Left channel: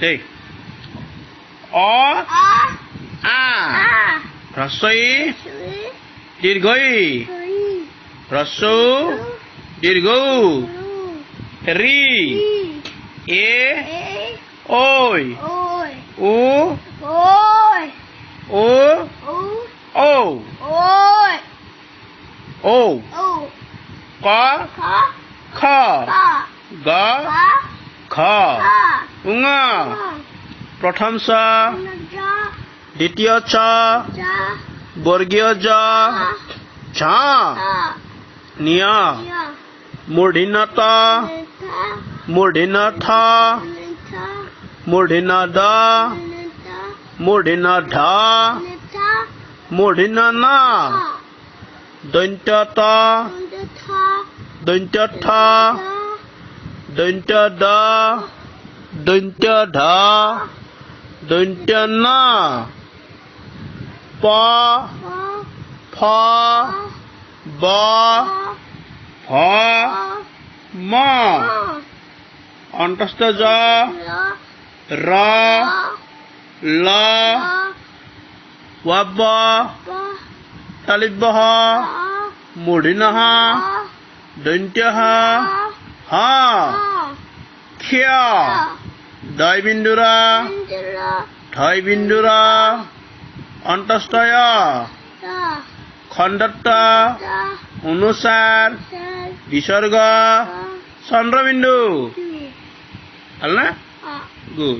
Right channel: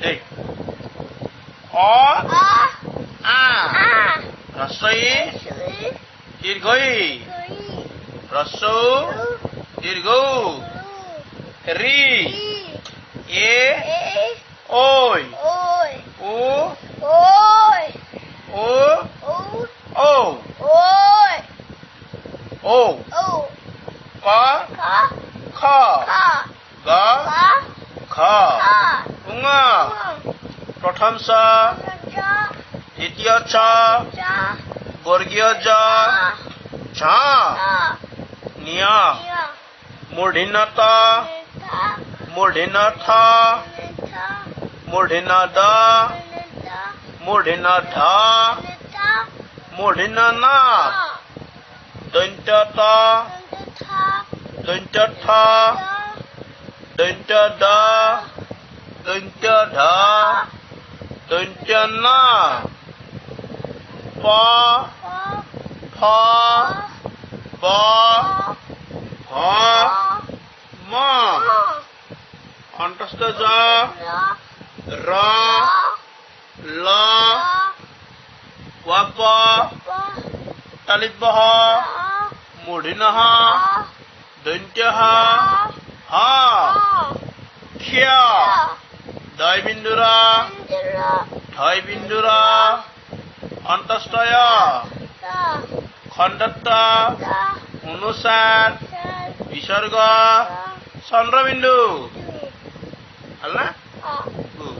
ঠিক অ আ হ্রস্বই দীর্ঘই হ্রস্ব দীর্ঘ রি এ ওই উ ও ও ও ক খ গ খ উঙ প্রথম চ দ্বিতীয় চ বর্গীয় জ ঝ নিয় মূর্ধন্য ত মূর্ধন্য থ মূর্ধন্য দ মূর্ধন্য ধ মূর্ধন্য ন দন্ত্য ত দন্ত্য থ দন্ত্য দ দন্ত্য ধ দন্ত্য ন প ফ ব ভ ম অন্তস্থ জ র ল ওয়াব তালিব্য মূর্ধন্য দন্ত্য হ ক্ষয় দয় বিন্দুর ঠয় বিন্দুর অন্তস্থয় খণ্ডত্ব অনুসার বিসর্গ চন্দ্রবিন্দু হল না গুড